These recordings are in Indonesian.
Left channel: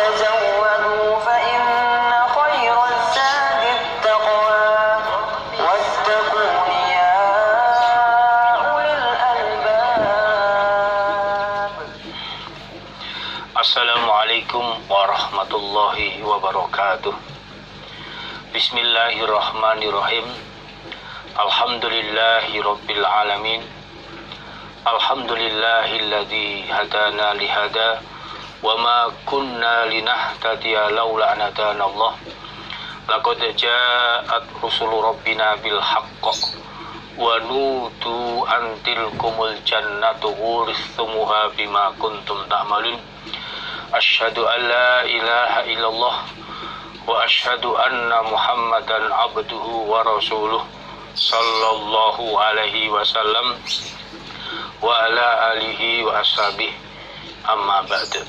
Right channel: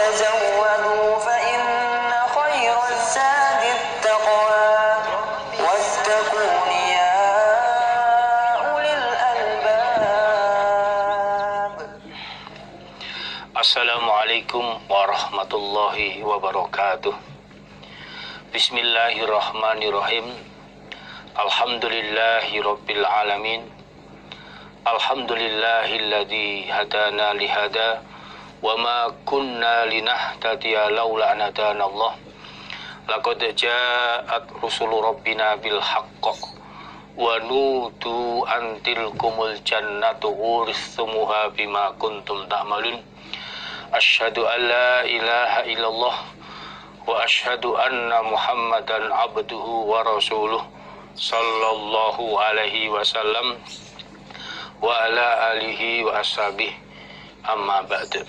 وتزودوا فإن خير الزاد التقوى واتقون يا أولي الألباب. Assalamualaikum warahmatullahi wabarakatuh. Bismillahirrahmanirrahim. Alhamdulillahi rabbil alamin. Alhamdulillahilladzi hadana lihada wa ma kunna linahtadiya laula an hadana Allah. Laqad ja'at rusulu rabbina bil haqq wa nutu an tilkumul jannatu urithumuha bima kuntum ta'malun. Asyhadu an la ilaha illallah wa asyhadu anna Muhammadan abduhu wa rasuluh sallallahu alaihi wasallam wa ala alihi wa ashabihi, amma ba'du.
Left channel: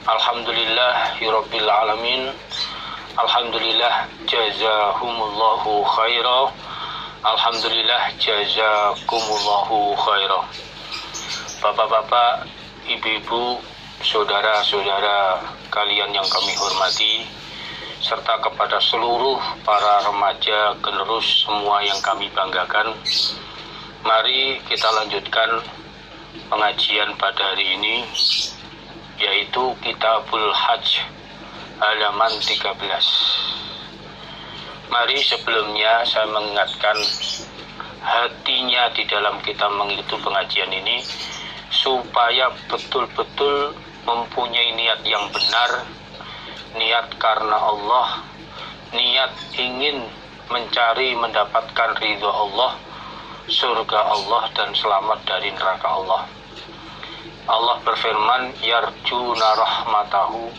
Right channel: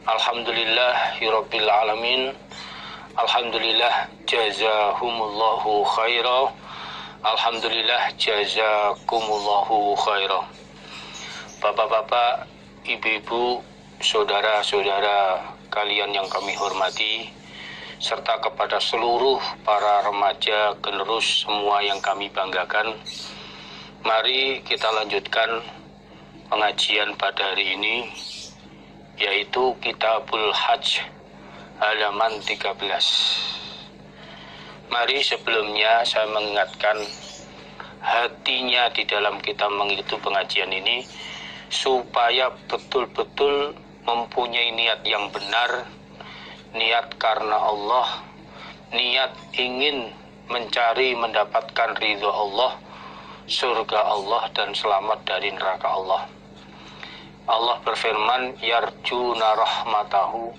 Alhamdulillahirabbil alamin. Alhamdulillah jazahumullahu khaira. Alhamdulillah jazakumullahu khaira. Bapak-bapak, ibu-ibu, saudara-saudara kalian yang kami hormati, serta kepada seluruh para remaja generus semua yang kami banggakan, mari kita lanjutkan pengajian pada hari ini, yaitu Kitabul Hajj halaman 13. Mari sebelumnya saya mengingatkan hatinya di dalam kita mengikuti pengajian ini, supaya betul-betul mempunyai niat yang benar, niat karena Allah, niat ingin mencari mendapatkan ridha Allah, surga Allah, dan selamat dari neraka Allah. Allah berfirman, yarjuna rahmatahu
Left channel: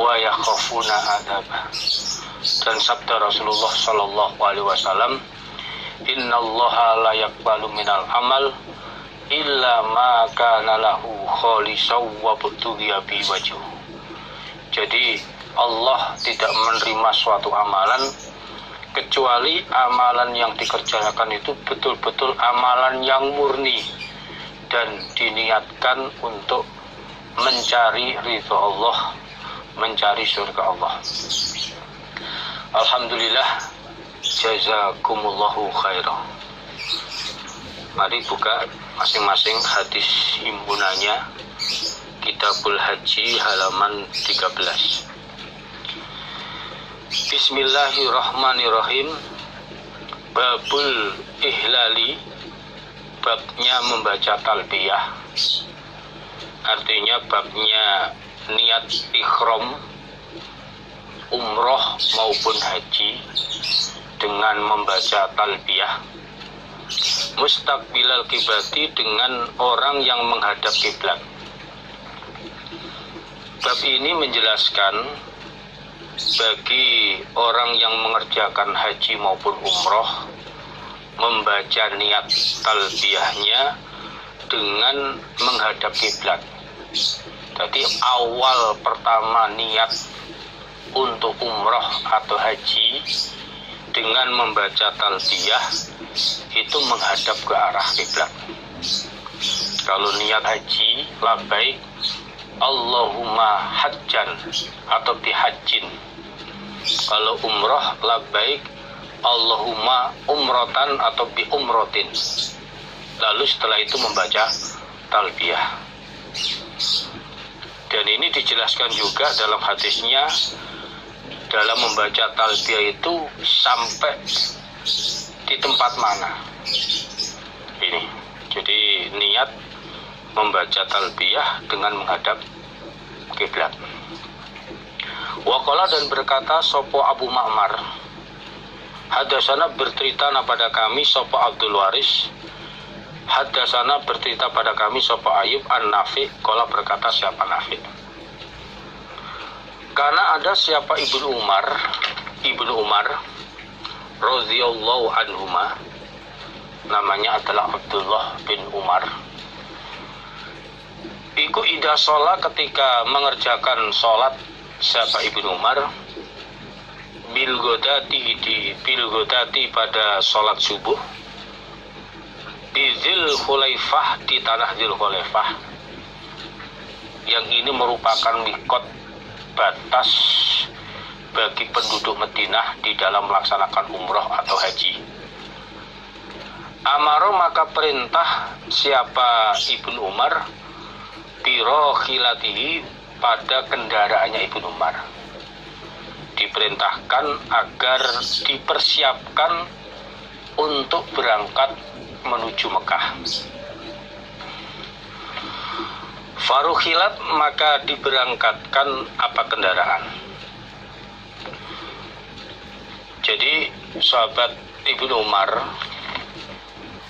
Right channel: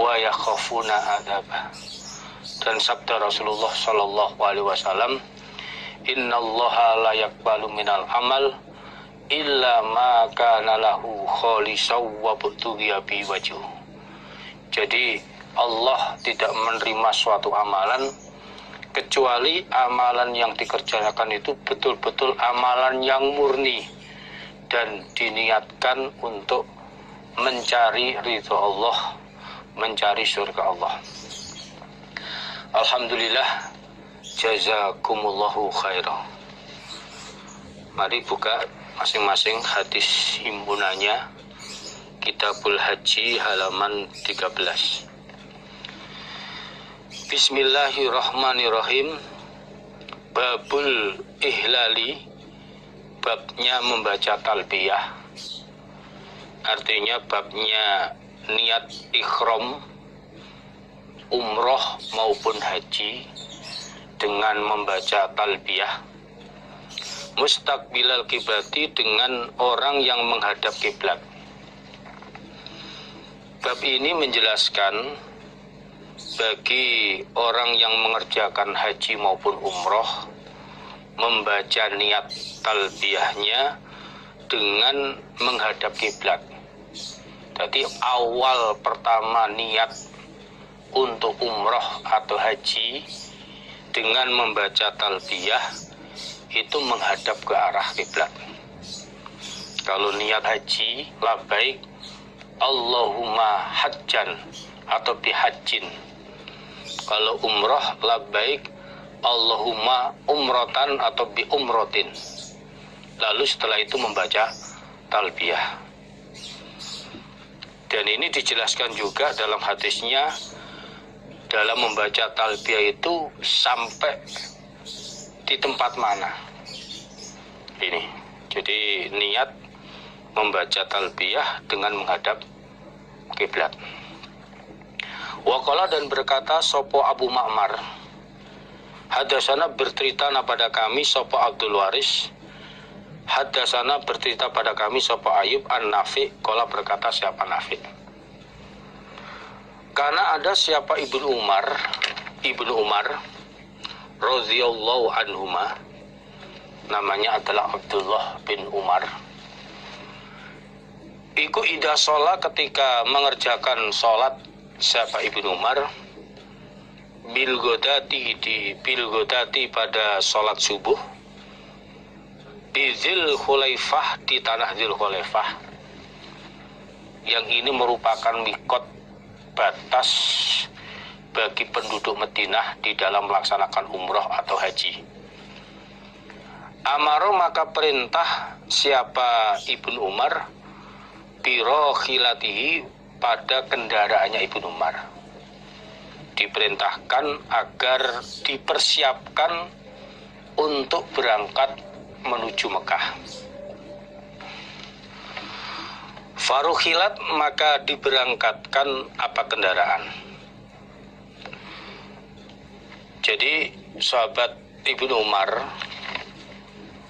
wa yakhafuna adzabah. Dan sabda Rasulullah sallallahu alaihi wasallam, innallaha la yaqbalu minal amal illa ma kana lahu khalisaw wa butughiya bi wajhu. Jadi Allah tidak menerima suatu amalan kecuali amalan yang dikerjakan itu betul-betul amalan yang murni dan diniatkan untuk mencari ridha Allah, mencari surga Allah. Alhamdulillah, jazakumullahu khairan. Mari buka masing-masing hadis himpunannya, Kitabul Haji halaman 13. Bismillahirrahmanirrahim. Babul ihlali, babnya membaca talbiyah, artinya babnya niat ikhram umroh maupun haji dengan membaca talbiyah, mustaqbilal kiblati, dengan orang yang menghadap kiblat. Bab ini menjelaskan bagi orang yang mengerjakan haji maupun umroh membaca niat talbiyahnya dengan menghadap kiblat. Jadi awal pertama niat untuk umroh atau haji dengan membaca talbiyah itu menghadap ke arah kiblat. Kalau niat haji, labbaik Allahumma hajjan atau bihajjin. Kalau umroh, labbaik Allahumma umrotan atau bi umrotin. Lalu setelah itu membaca talbiyah. Dan ini dijelaskan juga dalam hadisnya, dalam membaca talbiyah itu sampai di tempat mana. Ini, jadi niat membaca talbiyah dengan menghadap kiblat. Waqala, dan berkata sopo Abu Ma'mar, hadasana bercerita pada kami sopo Abdul Waris, hadasana bercerita pada kami sopo Ayub an Nafi, qala berkata siapa Nafi, karena ada siapa Ibnu Umar radhiyallahu anhuma, namanya adalah Abdullah bin Umar. Iku ida sholat, ketika mengerjakan sholat siapa Ibnu Umar, bilgodati pada sholat subuh, di Dzul Khulaifah, di tanah Dzul Khulaifah, yang ini merupakan mikot batas bagi penduduk Madinah di dalam melaksanakan umroh atau haji. Amaro maka perintah siapa Ibnu Umar biro khilatihi pada kendaraannya Ibnu Umar. Diperintahkan agar dipersiapkan untuk berangkat menuju Mekah. Farukhilat maka diberangkatkan apa kendaraan. Jadi sahabat Ibnu Umar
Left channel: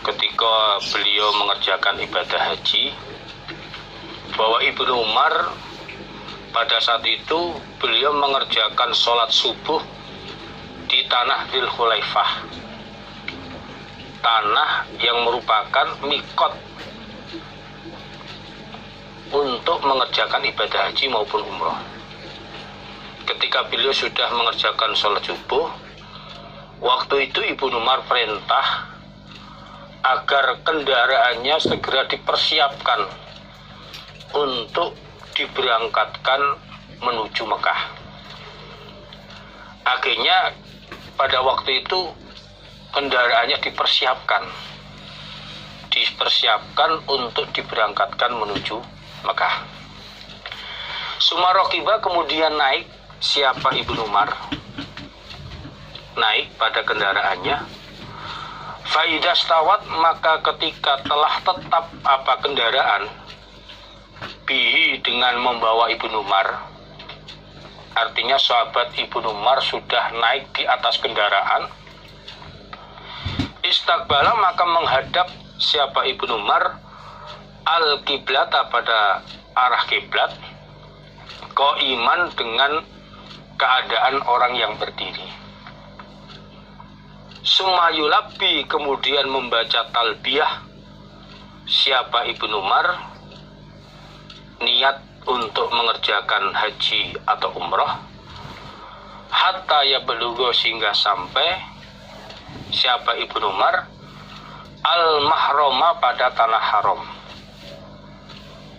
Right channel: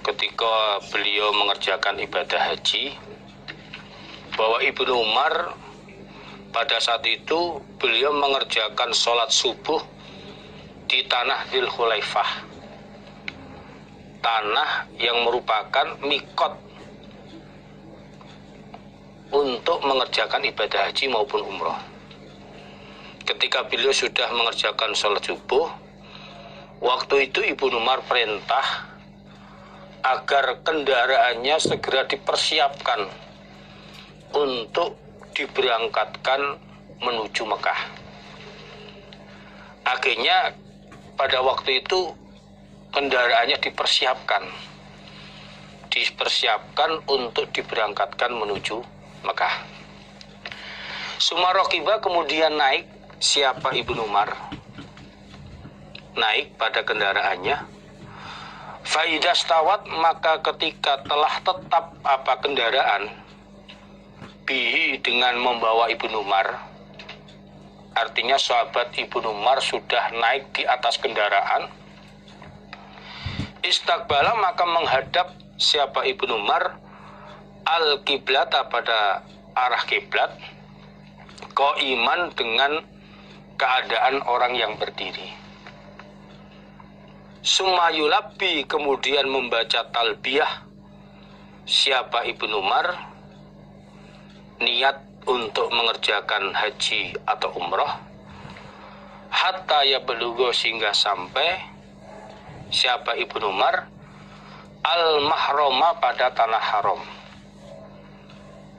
ketika beliau mengerjakan ibadah haji, bahwa Ibnu Umar pada saat itu beliau mengerjakan sholat subuh di tanah Dzul Khulaifah, tanah yang merupakan mikot untuk mengerjakan ibadah haji maupun umroh. Ketika beliau sudah mengerjakan sholat subuh, waktu itu Ibnu Umar perintah agar kendaraannya segera dipersiapkan untuk diberangkatkan menuju Mekah. Akhirnya pada waktu itu kendaraannya dipersiapkan untuk diberangkatkan menuju Mekah. Sumarokiba kemudian naik siapa Ibnu Umar, naik pada kendaraannya. Faidah stawat maka ketika telah tetap apa kendaraan bihi dengan membawa Ibnu Umar, artinya sahabat Ibnu Umar sudah naik di atas kendaraan. Istiqbala maka menghadap siapa Ibnu Umar al-kiblata pada arah kiblat, qaiman dengan keadaan orang yang berdiri. Sumayulabi kemudian membaca talbiyah siapa Ibnu Umar niat untuk mengerjakan haji atau umrah, hatta ya belugo sehingga sampai siapa Ibnu Umar al-mahroma pada tanah haram,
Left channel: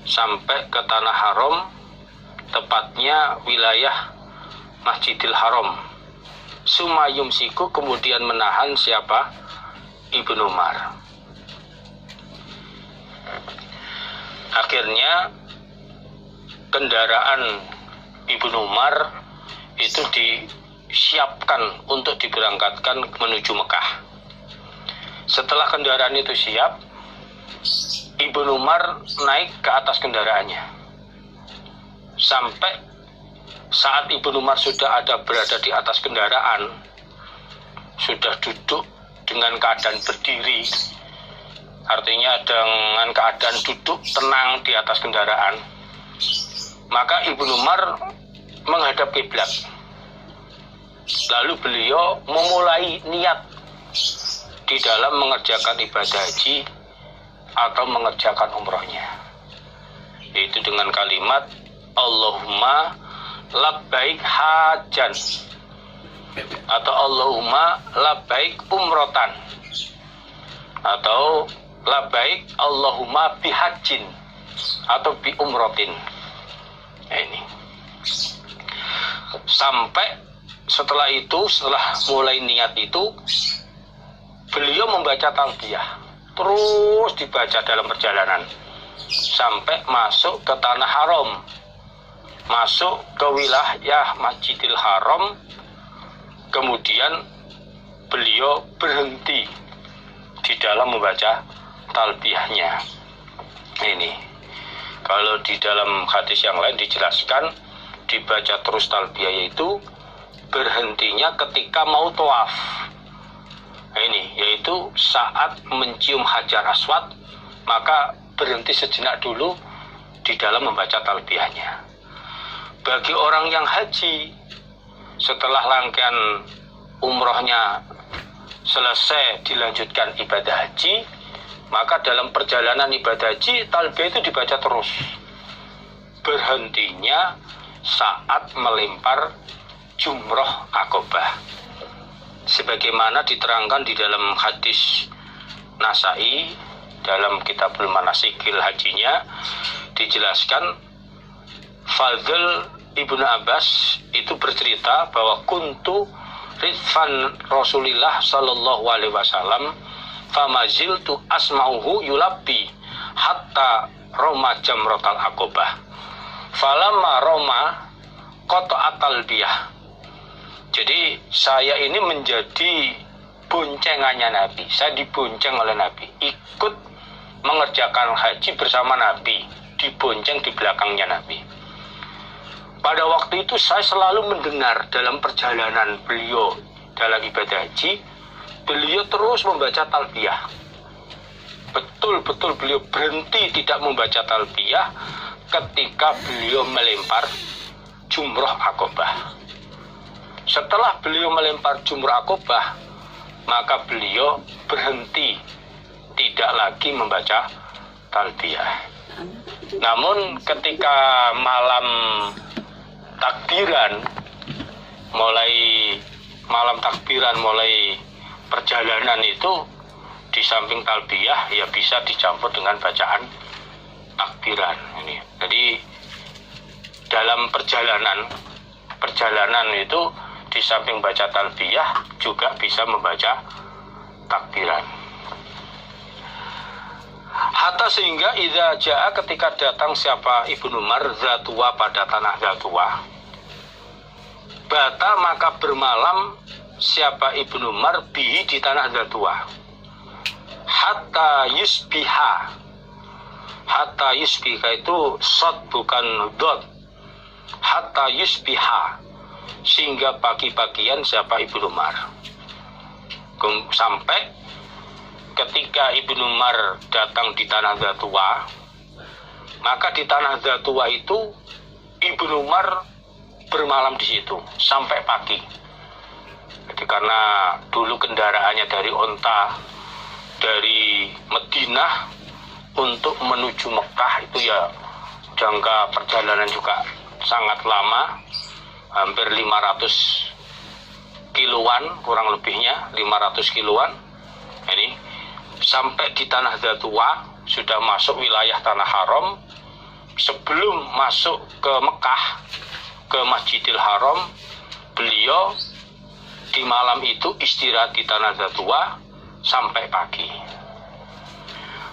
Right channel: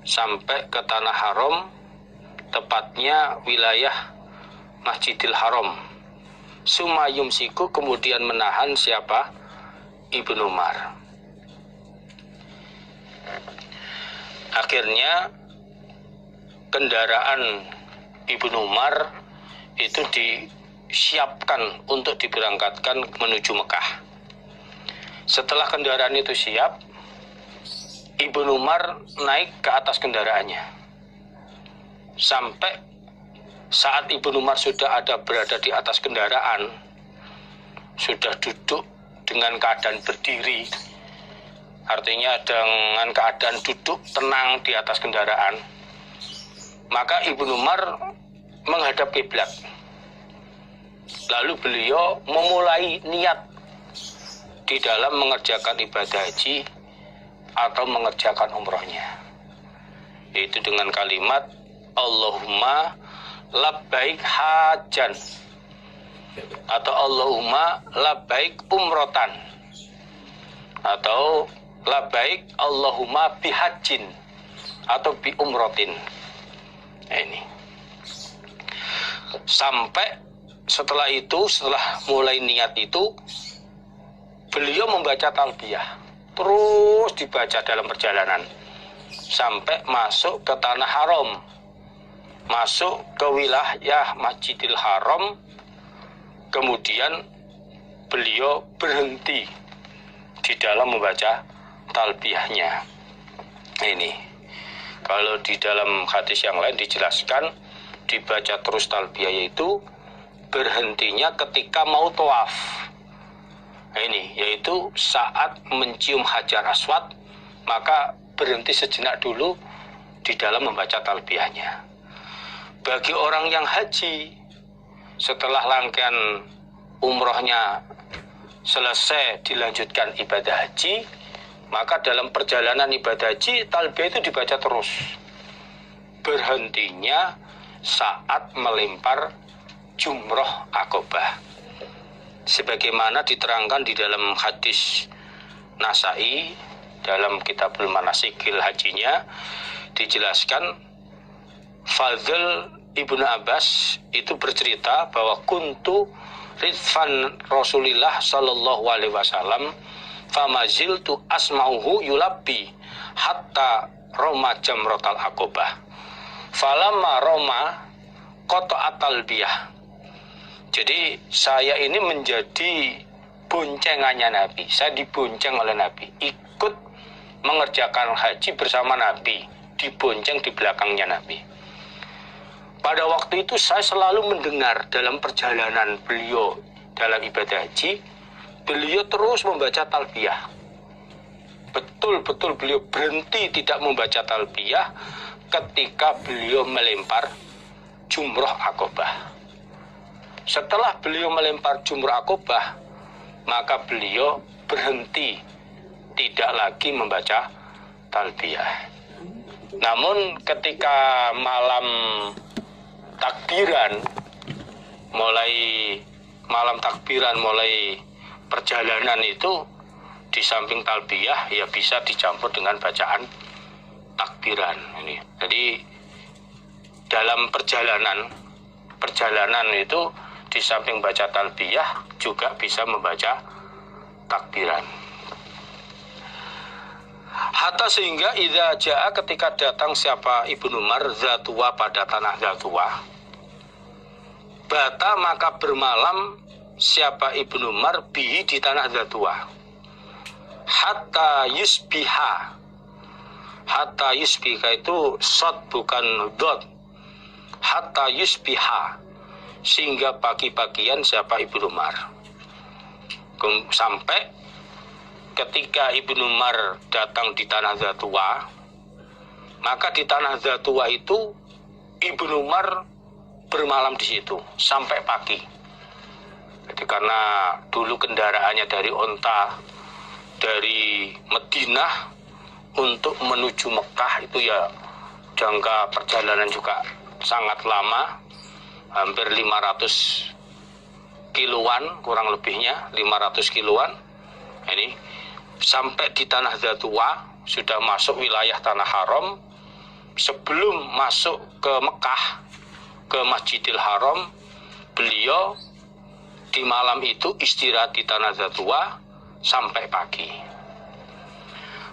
sampai ke tanah haram, tepatnya wilayah Masjidil Haram. Sumayumsiku kemudian menahan siapa Ibnu Umar. Akhirnya kendaraan Ibnu Umar itu disiapkan untuk diberangkatkan menuju Mekah. Setelah kendaraan itu siap, Ibnu Umar naik ke atas kendaraannya. Sampai saat Ibnu Umar sudah berada di atas kendaraan, sudah duduk dengan keadaan berdiri, artinya dengan keadaan duduk tenang di atas kendaraan, maka Ibnu Umar menghadap kiblat. Lalu beliau memulai niat di dalam mengerjakan ibadah haji atau mengerjakan umrohnya, yaitu dengan kalimat Allahumma labbaik hajan atau Allahumma labbaik umrotan atau labbaik Allahumma bihajin atau bi umrotin. Ini sampai setelah mulai niat itu beliau membaca talbiyah, terus dibaca dalam perjalanan sampai masuk ke tanah haram, masuk ke wilayah Masjidil Haram. Kemudian beliau berhenti di dalam membaca talbiyahnya. Ini kalau di dalam hadis yang lain dijelaskan dibaca terus talbiyah, yaitu berhentinya ketika mau tawaf. Ini yaitu saat mencium Hajar Aswad, maka berhenti sejenak dulu di dalam membaca talbiyahnya. Bagi orang yang haji, setelah rangkaian umrohnya selesai dilanjutkan ibadah haji, maka dalam perjalanan ibadah haji talbiyah itu dibaca terus. Berhentinya saat melempar jumroh akobah, sebagaimana diterangkan di dalam hadis Nasai dalam Kitabul Manasikil hajinya, dijelaskan Fadl Ibnu Abbas itu bercerita bahwa kuntu ridfan Rasulillah sallallahu alaihi wasallam famaziltu asma'uhu yulabbi hatta roma jamratal aqobah falamma roma qata'at talbiyah. Jadi saya ini menjadi boncengannya Nabi. Saya dibonceng oleh Nabi, ikut mengerjakan haji bersama Nabi, dibonceng di belakangnya Nabi. Pada waktu itu saya selalu mendengar dalam perjalanan beliau dalam ibadah haji, beliau terus membaca talbiyah. Betul-betul beliau berhenti tidak membaca talbiyah ketika beliau melempar jumrah Aqobah. Setelah beliau melempar jumrah Aqobah, maka beliau berhenti tidak lagi membaca talbiyah. Namun ketika malam takbiran, mulai perjalanan itu, di samping talbiyah ya bisa dicampur dengan bacaan takbiran ini. Jadi dalam perjalanan itu di samping baca talbiyah juga bisa membaca takbiran. Hatta sehingga idza jaa ketika datang siapa Ibnu Umar Dzatuwa pada tanah Dzatuwa, bata maka bermalam siapa Ibnu Umar bihi di tanah Dzatuwa hatta yusbiha itu shad bukan dot, hatta yusbiha sehingga pagi-pagian siapa Ibnu Umar, sampai ketika Ibnu Umar datang di tanah Dzatuwa, maka di tanah Dzatuwa itu Ibnu Umar bermalam di situ sampai pagi. Jadi karena dulu kendaraannya dari onta dari Madinah untuk menuju Mekah itu ya jangka perjalanan juga sangat lama, hampir 500 kiloan kurang lebihnya, 500 kiloan. Ini sampai di tanah Dzatuwa sudah masuk wilayah tanah haram. Sebelum masuk ke Mekah, ke Masjidil Haram, beliau di malam itu istirahat di tanah Dzatuwa sampai pagi.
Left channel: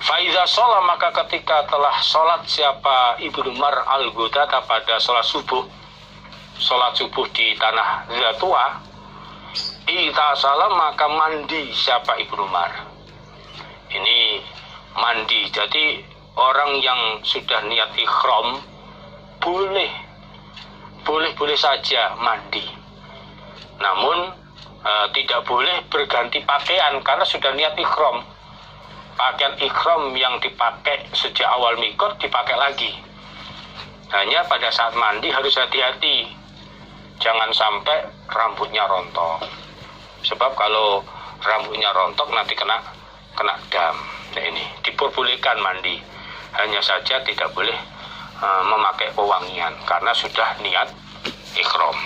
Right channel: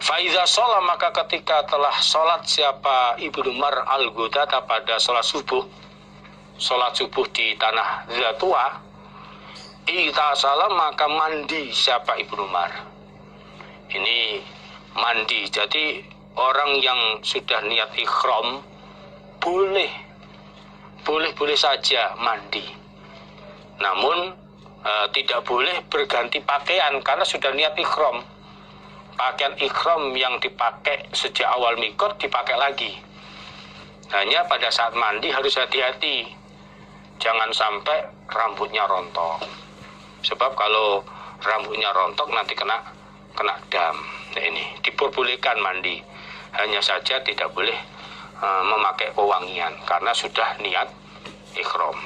Faiza sholat maka ketika telah sholat siapa Ibnu Umar al-Ghudata pada sholat subuh di tanah Dzatuwa, ita salam maka mandi siapa Ibnu Umar. Ini mandi, jadi orang yang sudah niat ikhram boleh saja mandi. Namun tidak boleh berganti pakaian karena sudah niat ikhram. Pakaian ikhram yang dipakai sejak awal mikot dipakai lagi. Hanya pada saat mandi harus hati-hati, jangan sampai rambutnya rontok. Sebab kalau rambutnya rontok nanti kena dam. Nah ini diperbolehkan mandi, hanya saja tidak boleh memakai pewangian karena sudah niat ikhram.